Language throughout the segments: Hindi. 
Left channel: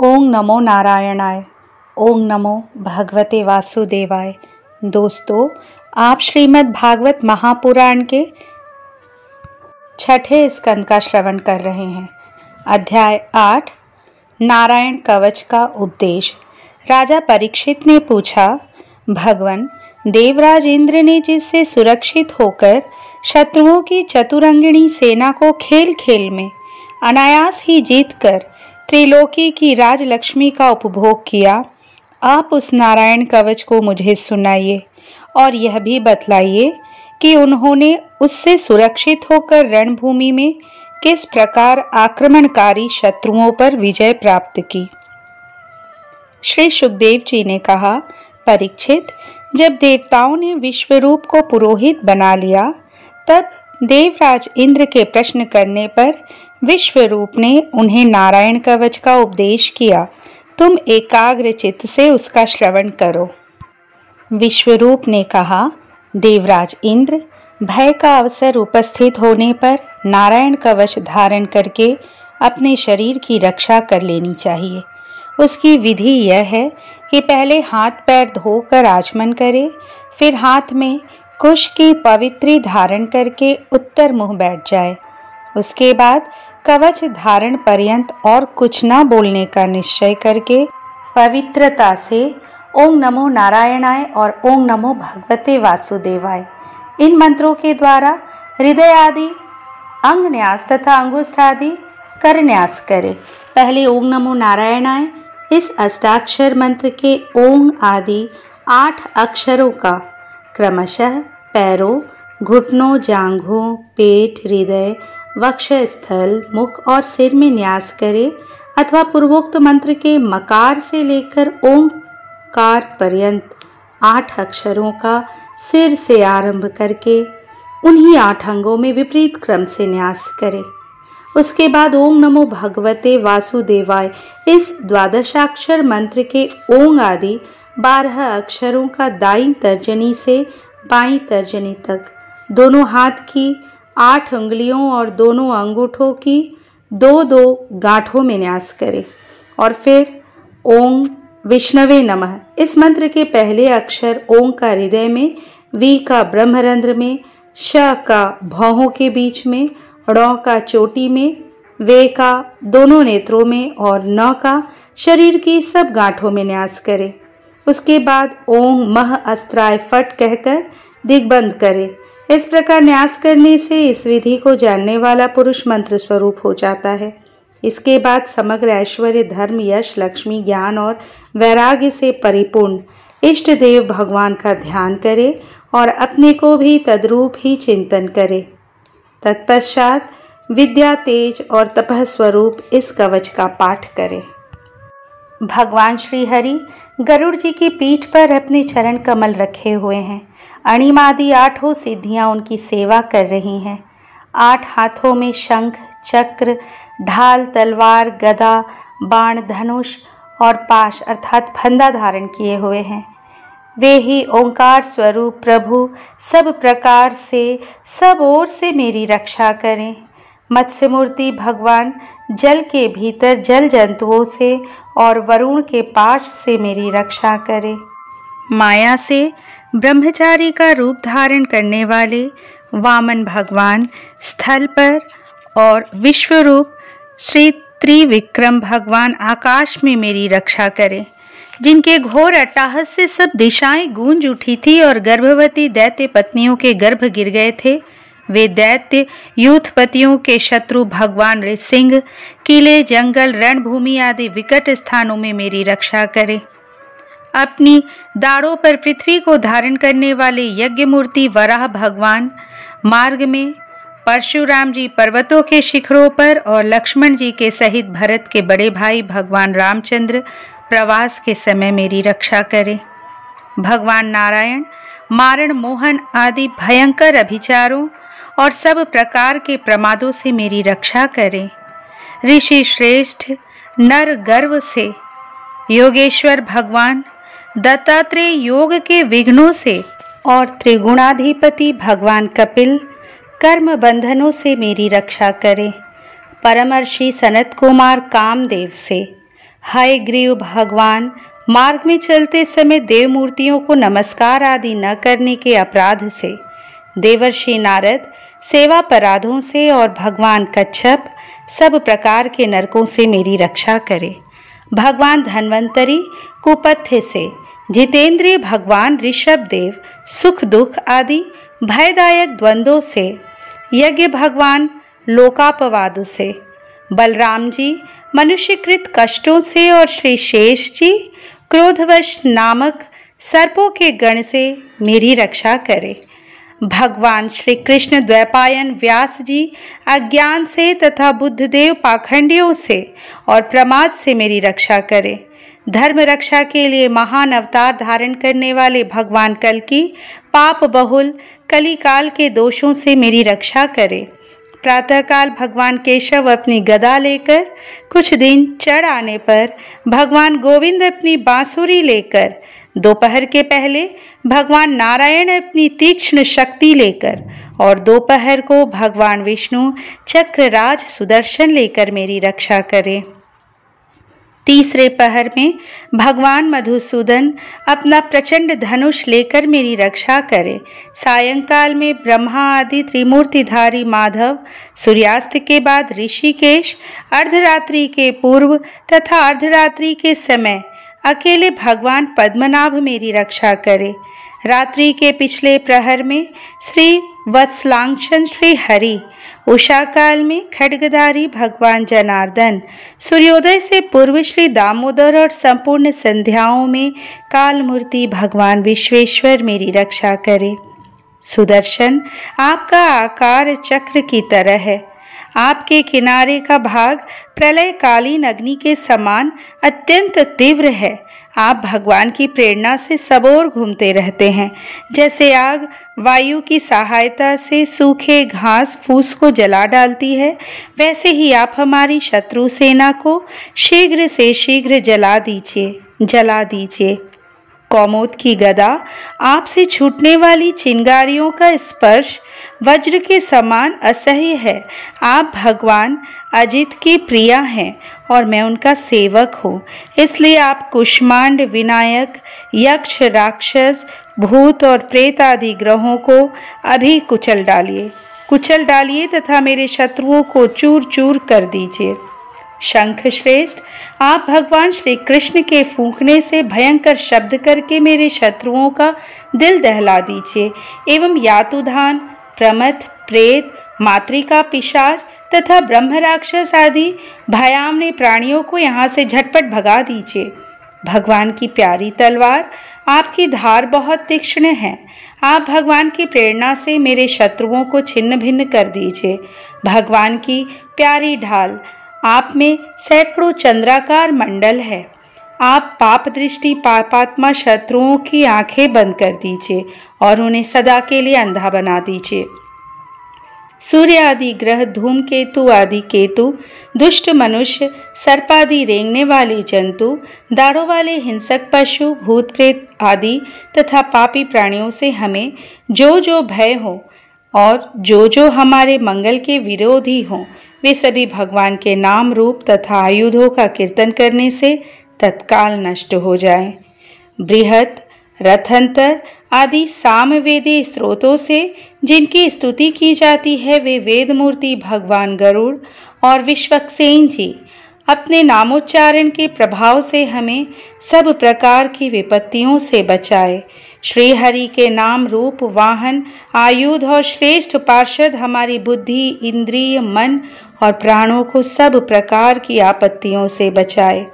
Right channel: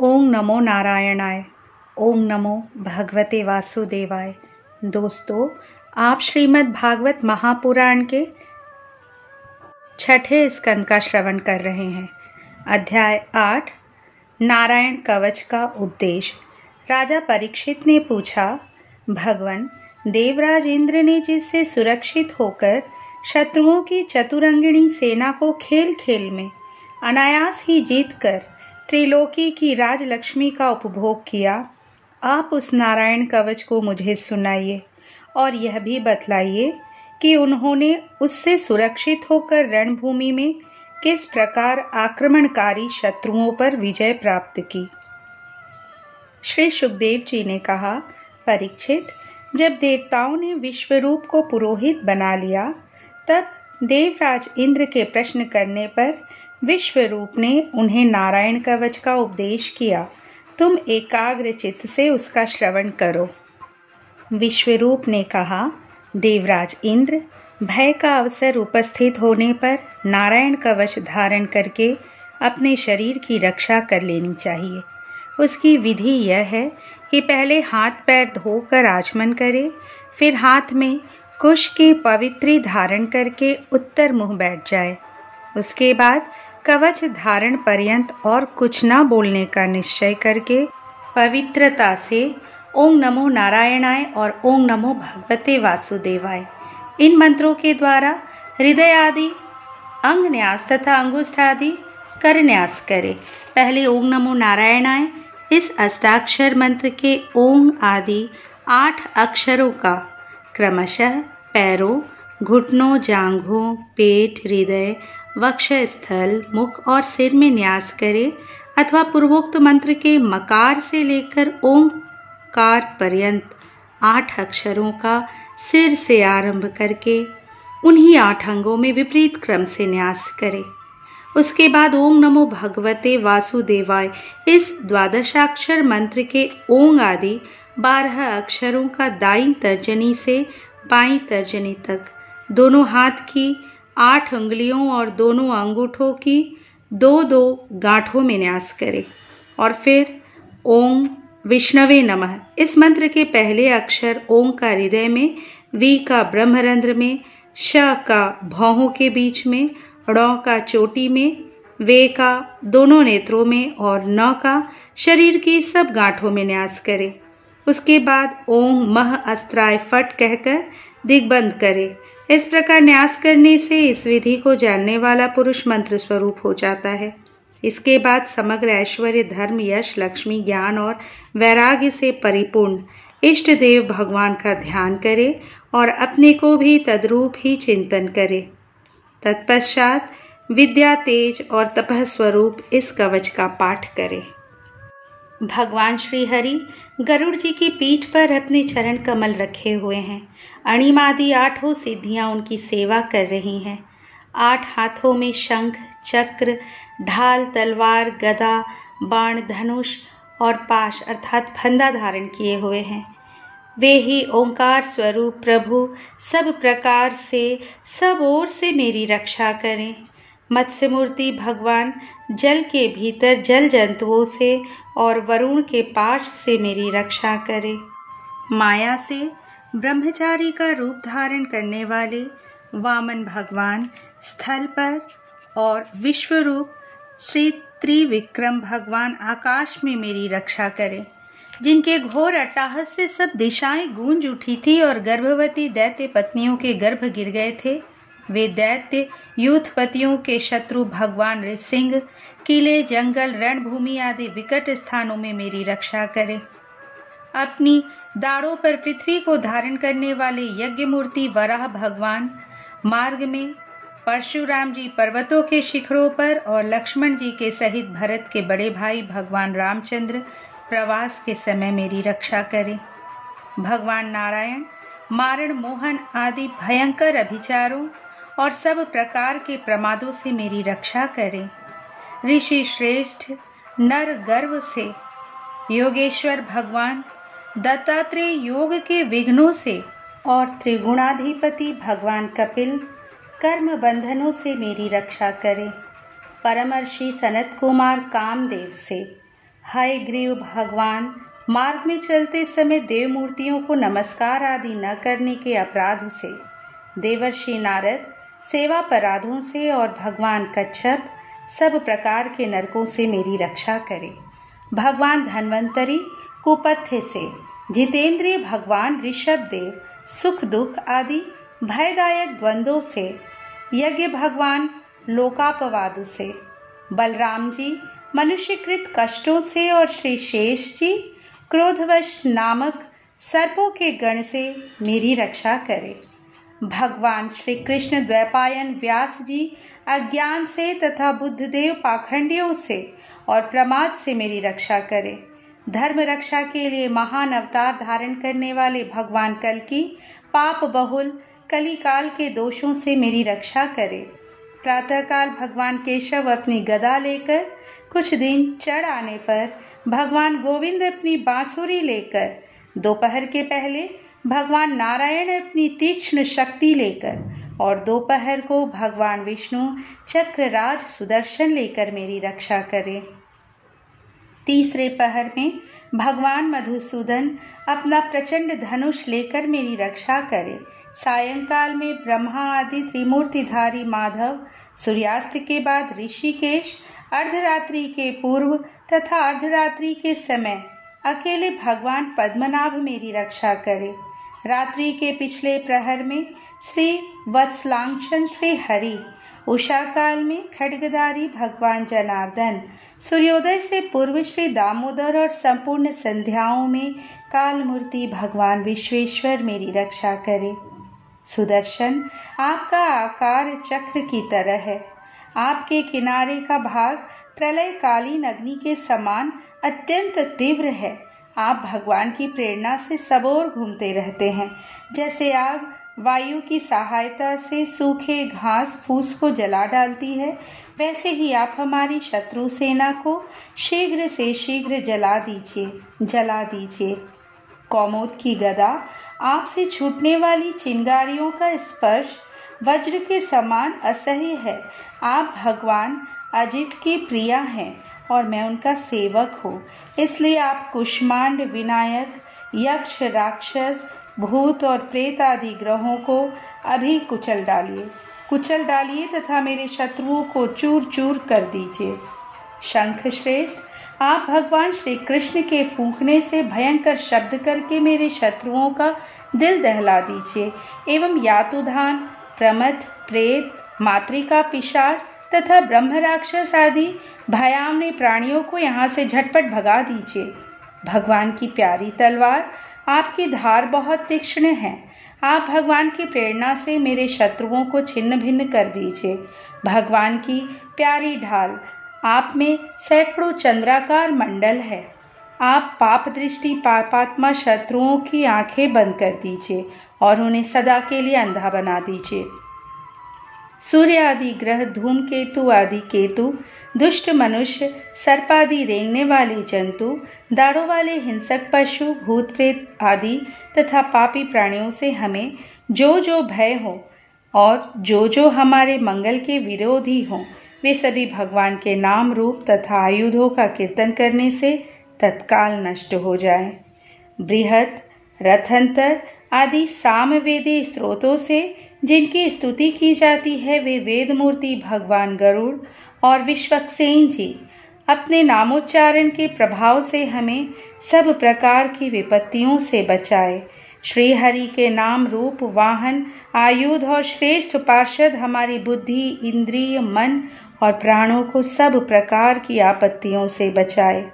ओम नमो नारायणाय। ओम नमो भगवते वासुदेवाय। दोस्तों, आप श्रीमद् भागवत महापुराण के 6ठे स्कंद का श्रवण कर रहे हैं। अध्याय 8 नारायण कवच का उपदेश। राजा परीक्षित ने पूछा, भगवान, देवराज इंद्र ने जिससे सुरक्षित होकर शत्रुओं की चतुरंगिणी सेना को खेल खेल में अनायास ही जीतकर त्रिलोकी की राजलक्ष्मी का उपभोग किया, आप उस नारायण कवच को मुझे सुनाइए और यह भी बतलाइए कि उन्होंने उससे सुरक्षित होकर रणभूमि में किस प्रकार आक्रमणकारी शत्रुओं पर विजय प्राप्त की। श्री सुखदेव जी ने कहा, परीक्षित, जब देवताओं ने विश्वरूप को पुरोहित बना लिया, तब देवराज इंद्र के प्रश्न करने पर विश्वरूप ने उन्हें नारायण कवच का उपदेश किया। तुम एकाग्र चित्त से उसका श्रवण करो। विश्वरूप ने कहा, देवराज इंद्र, भय का अवसर उपस्थित होने पर नारायण कवच धारण करके अपने शरीर की रक्षा कर लेनी चाहिए। उसकी विधि यह है कि पहले हाथ पैर धोकर आचमन करे, फिर हाथ में कुश की पवित्री धारण करके उत्तर मुंह बैठ जाए। उसके बाद कवच धारण पर्यंत और कुछ न बोलने का निश्चय करके पवित्रता से ओम नमो नारायणाय और ओम नमो भगवते वासुदेवाय इन मंत्रों के द्वारा हृदय आदि अंग न्यास तथा अंगुष्ठ आदि कर न्यास करे। पहले ओम नमो नारायणाय इस अष्टाक्षर मंत्र के ओम आदि 8 अक्षरों का क्रमशः पैरों, घुटनों, जांघों, पेट, हृदय, वक्षस्थल, मुख और सिर में न्यास करे अथवा पूर्वोक्त मंत्र के मकार से लेकर ओंकार पर्यंत 8 अक्षरों का सिर से आरंभ करके उन्हीं 8 अंगों में विपरीत क्रम से न्यास करे। उसके बाद ओम नमो भगवते वासुदेवाय इस द्वादशाक्षर मंत्र के ओंग आदि 12 अक्षरों का दाईं तर्जनी से बाईं तर्जनी तक दोनों हाथ की 8 उंगलियों और दोनों अंगूठों की 2-2 गांठों में न्यास करे और फिर ओम विष्णवे नमः इस मंत्र के पहले अक्षर ओम का हृदय में, वी का ब्रह्मरंध्र में, श का भौहों के बीच में, ड़ का चोटी में, वे का दोनों नेत्रों में और न का शरीर की सब गांठों में न्यास करे। उसके बाद ओम मह अस्त्राय फट कहकर दिग्बंध करे। इस प्रकार न्यास करने से इस विधि को जानने वाला पुरुष मंत्र स्वरूप हो जाता है। इसके बाद समग्र ऐश्वर्य, धर्म, यश, लक्ष्मी, ज्ञान और वैराग्य से परिपूर्ण इष्ट देव भगवान का ध्यान करे और अपने को भी तद्रूप ही चिंतन करे। तत्पश्चात विद्या, तेज और तपः स्वरूप इस कवच का पाठ करे। भगवान श्री हरि गरुड़ जी की पीठ पर अपने चरण कमल रखे हुए हैं। अणिमादि 8 सिद्धियां उनकी सेवा कर रही हैं। 8 हाथों में शंख, चक्र, ढाल, तलवार, गदा, बाण, धनुष और पाश अर्थात फंदा धारण किए हुए हैं। वे ही ओंकार स्वरूप प्रभु सब प्रकार से सब ओर से मेरी रक्षा करें। मत्स्य मूर्ति भगवान जल के भीतर जल जंतुओं से और वरुण के पाश से मेरी रक्षा करें। माया से ब्रह्मचारी का रूप धारण करने वाले वामन भगवान स्थल पर और विश्वरूप श्री त्रिविक्रम भगवान आकाश में मेरी रक्षा करें। जिनके घोर अट्टहास से सब दिशाएं गूंज उठी थी और गर्भवती दैत्य पत्नियों के गर्भ गिर गए थे, वे दैत्य यूथपतियों के शत्रु भगवान नृसिंह किले, जंगल, रणभूमि आदि विकट स्थानों में मेरी रक्षा करें। अपनी दाढ़ों पर पृथ्वी को धारण करने वाले यज्ञ मूर्ति वराह भगवान मार्ग में, परशुराम जी पर्वतों के शिखरों पर और लक्ष्मण जी के सहित भरत के बड़े भाई भगवान रामचंद्र प्रवास के समय मेरी रक्षा करें। भगवान नारायण मारण, मोहन आदि भयंकर अभिचारों और सब प्रकार के प्रमादों से मेरी रक्षा करें। ऋषि श्रेष्ठ नर गर्व से योगेश्वर भगवान दत्तात्रेय योग के विघ्नों से और त्रिगुणाधिपति भगवान कपिल कर्म बंधनों से मेरी रक्षा करें। परमर्षि सनत कुमार कामदेव से हयग्रीव भगवान, मार्ग में चलते समय देव मूर्तियों को नमस्कार आदि न करने के अपराध से, देवर्षि नारद सेवापराधों से और भगवान कच्छप सब प्रकार के नरकों से मेरी रक्षा करे। भगवान धन्वंतरी कुपथ्य से, जितेंद्रिय भगवान ऋषभ देव सुख दुख आदि भयदायक द्वंद्वों से, यज्ञ भगवान लोकापवादों से, बलराम जी मनुष्यकृत कष्टों से और श्री शेष जी क्रोधवश नामक सर्पों के गण से मेरी रक्षा करे। भगवान श्री कृष्ण द्वैपायन व्यास जी अज्ञान से तथा बुद्धदेव पाखंडियों से और प्रमाद से मेरी रक्षा करे। धर्म रक्षा के लिए महान अवतार धारण करने वाले भगवान कल्कि पाप बहुल कलिकाल के दोषों से मेरी रक्षा करे। प्रातःकाल भगवान केशव अपनी गदा लेकर, कुछ दिन चढ़ आने पर भगवान गोविंद अपनी बांसुरी लेकर, दोपहर के पहले भगवान नारायण अपनी तीक्ष्ण शक्ति लेकर और दोपहर को भगवान विष्णु चक्रराज सुदर्शन लेकर मेरी रक्षा करे। तीसरे पहर में भगवान मधुसूदन अपना प्रचंड धनुष लेकर मेरी रक्षा करे। सायंकाल में ब्रह्मा आदि त्रिमूर्तिधारी माधव, सूर्यास्त के बाद ऋषिकेश, अर्धरात्रि के पूर्व तथा अर्धरात्रि के समय अकेले भगवान पद्मनाभ मेरी रक्षा करे। रात्रि के पिछले प्रहर में श्री वत्सलांक्षन श्री हरि, उषा काल में खड्गधारी भगवान जनार्दन, सूर्योदय से पूर्व श्री दामोदर और संपूर्ण संध्याओं में कालमूर्ति भगवान विश्वेश्वर मेरी रक्षा करे। सुदर्शन, आपका आकार चक्र की तरह है। आपके किनारे का भाग प्रलयकालीन अग्नि के समान अत्यंत तीव्र है। आप भगवान की प्रेरणा से सबोर घूमते रहते हैं। जैसे आग वायु की सहायता से सूखे घास फूस को जला डालती है, वैसे ही आप हमारी शत्रु सेना को शीघ्र से शीघ्र जला दीजिए। कौमोद की गदा, आपसे छूटने वाली चिंगारियों का स्पर्श वज्र के समान असह्य है। आप भगवान अजित की प्रिया हैं और मैं उनका सेवक हूँ, इसलिए आप कुष्मांड, विनायक, यक्ष, राक्षस, भूत और प्रेत आदि ग्रहों को अभी कुचल डालिए तथा मेरे शत्रुओं को चूर चूर कर दीजिए। शंख श्रेष्ठ, आप भगवान श्री कृष्ण के फूंकने से भयंकर शब्द करके मेरे शत्रुओं का दिल दहला दीजिए एवं यातुधान, प्रमथ, प्रेत, मातृका पिशाच तथा ब्रह्म राक्षस आदि भयावने प्राणियों को यहाँ से झटपट भगा दीजिए। भगवान की प्यारी तलवार, आपकी धार बहुत तीक्ष्ण है। आप भगवान की प्रेरणा से मेरे शत्रुओं को छिन्न भिन्न कर दीजिए। भगवान की प्यारी ढाल, आप में सैकड़ों चंद्राकार मंडल है। आप पाप दृष्टि पापात्मा शत्रुओं की आंखें बंद कर दीजिए और उन्हें सदा के लिए अंधा बना दीजिए। सूर्य आदि ग्रह, धूमकेतु आदि केतु, दुष्ट मनुष्य, सर्पादि रेंगने वाले जंतु, दाढ़ों वाले हिंसक पशु, भूत प्रेत आदि तथा पापी प्राणियों से हमें जो जो भय हो और जो जो हमारे मंगल के विरोधी हों, वे सभी भगवान के नाम रूप तथा आयुधों का कीर्तन करने से तत्काल नष्ट हो जाए। बृहत, रथंतर आदि सामवेदी स्रोतों से जिनकी स्तुति की जाती है, वे वेद मूर्ति भगवान गरुड़ और विश्वक्सेन जी अपने नामोच्चारण के प्रभाव से हमें सब प्रकार की विपत्तियों से बचाए। श्री हरि के नाम रूप वाहन, आयुध और श्रेष्ठ पार्षद हमारी बुद्धि, इंद्रिय, मन और प्राणों को सब प्रकार की आपत्तियों से बचाए।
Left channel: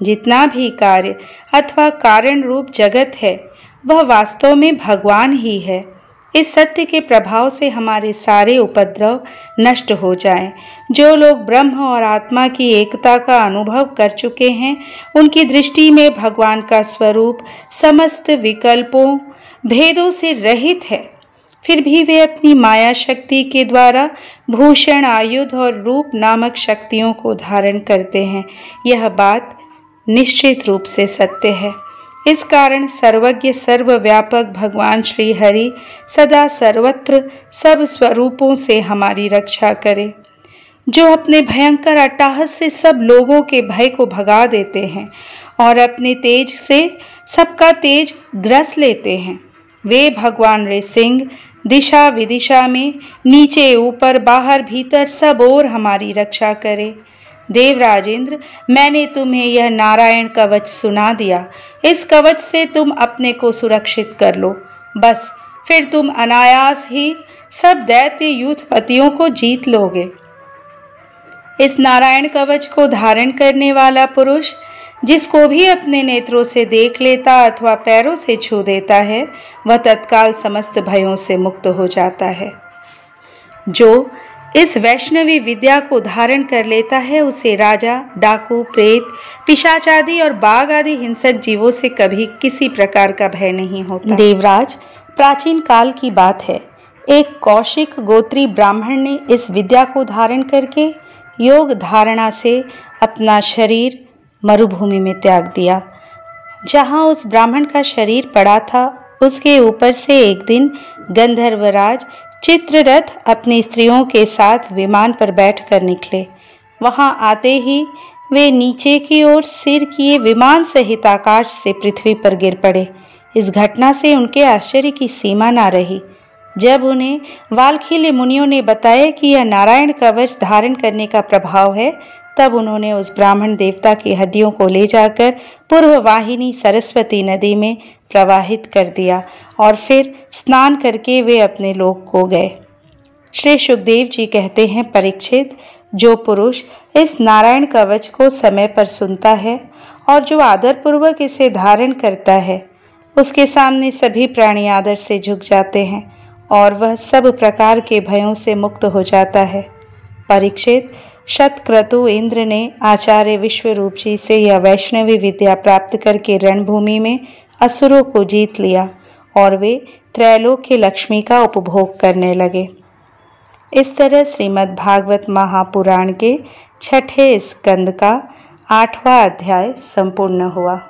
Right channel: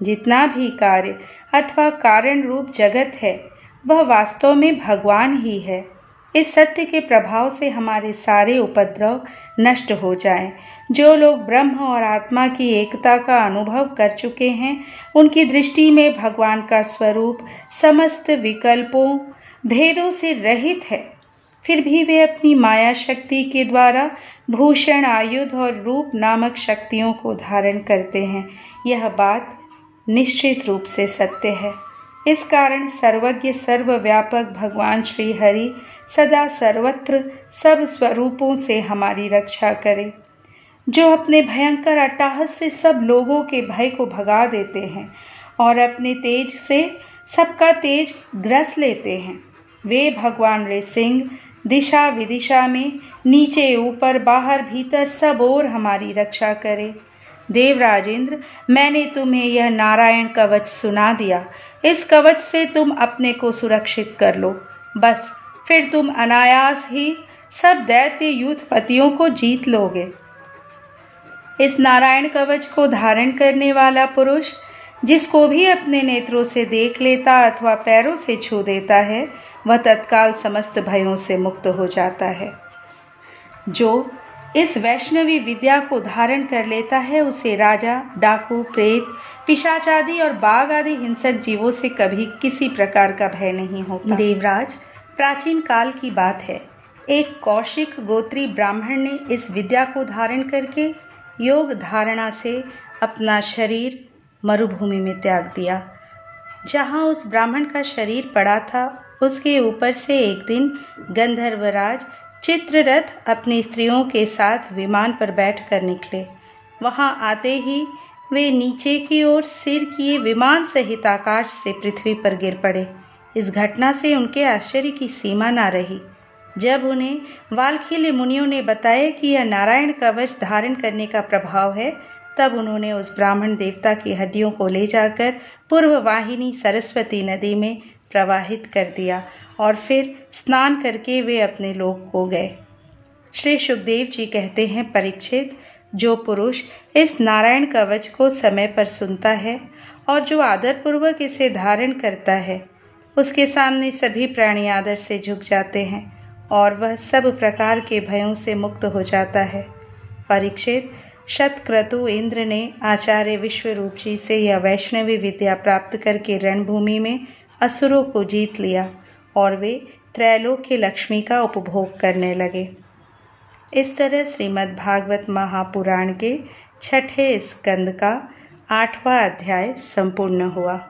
जितना भी कार्य अथवा कारण रूप जगत है, वह वास्तव में भगवान ही है। इस सत्य के प्रभाव से हमारे सारे उपद्रव नष्ट हो जाएं। जो लोग ब्रह्म और आत्मा की एकता का अनुभव कर चुके हैं, उनकी दृष्टि में भगवान का स्वरूप समस्त विकल्पों, भेदों से रहित है। फिर भी वे अपनी माया शक्ति के द्वारा भूषण, आयुध और रूप नामक शक्तियों को धारण करते हैं। यह बात निश्चित रूप से सत्य है। इस कारण सर्वज्ञ सर्वव्यापक भगवान श्री हरि सदा सर्वत्र सब स्वरूपों से हमारी रक्षा करे। जो अपने भयंकर अट्टहास से सब लोगों के भय को भगा देते हैं और अपने तेज से सबका तेज ग्रस लेते हैं। वे भगवान नृसिंह दिशा विदिशा में, नीचे ऊपर बाहर भीतर सब ओर हमारी रक्षा करे। देवराज इंद्र, मैंने तुम्हें यह नारायण कवच सुना दिया। इस कवच से तुम अपने को सुरक्षित कर लो, बस फिर तुम अनायास ही सब दैत्य यूथपतियों को जीत लोगे। इस नारायण कवच को धारण करने वाला पुरुष जिसको भी अपने नेत्रों से देख लेता अथवा पैरों से छू देता है, वह तत्काल समस्त भयों से मुक्त हो जाता है। जो इस वैष्णवी विद्या को धारण कर लेता है, उसे राजा, डाकू, प्रेत, पिशाच आदि और बाघ आदि हिंसक जीवों से कभी किसी प्रकार का भय नहीं होता। देवराज, प्राचीन काल की बात है, एक कौशिक गोत्री ब्राह्मण ने इस विद्या को धारण करके योग धारणा से अपना शरीर मरुभूमि में त्याग दिया। जहाँ उस ब्राह्मण का शरीर पड़ा था, उसके ऊपर से एक दिन गंधर्वराज चित्ररथ अपनी स्त्रियों के साथ विमान पर बैठकर निकले। वहां आते ही वे नीचे की ओर सिर किए विमान सहित आकाश से पृथ्वी पर गिर पड़े। इस घटना से उनके आश्चर्य की सीमा न रही। जब उन्हें वाल्खील्य मुनियों ने बताया कि यह नारायण कवच धारण करने का प्रभाव है, तब उन्होंने उस ब्राह्मण देवता की हड्डियों को ले जाकर पूर्व वाहिनी सरस्वती नदी में प्रवाहित कर दिया और फिर स्नान करके वे अपने लोक को गए। श्री सुखदेव जी कहते हैं, परीक्षित, जो पुरुष इस नारायण कवच को समय पर सुनता है और जो आदरपूर्वक इसे धारण करता है, उसके सामने सभी प्राणी आदर से झुक जाते हैं और वह सब प्रकार के भयों से मुक्त हो जाता है। परीक्षित, शतक्रतु इंद्र ने आचार्य विश्वरूप जी से यह वैष्णवी विद्या प्राप्त करके रणभूमि में असुरों को जीत लिया और वे त्रैलोक्य लक्ष्मी का उपभोग करने लगे। इस तरह श्रीमद् भागवत महापुराण के 6ठे स्कंद का 8वां अध्याय संपूर्ण हुआ।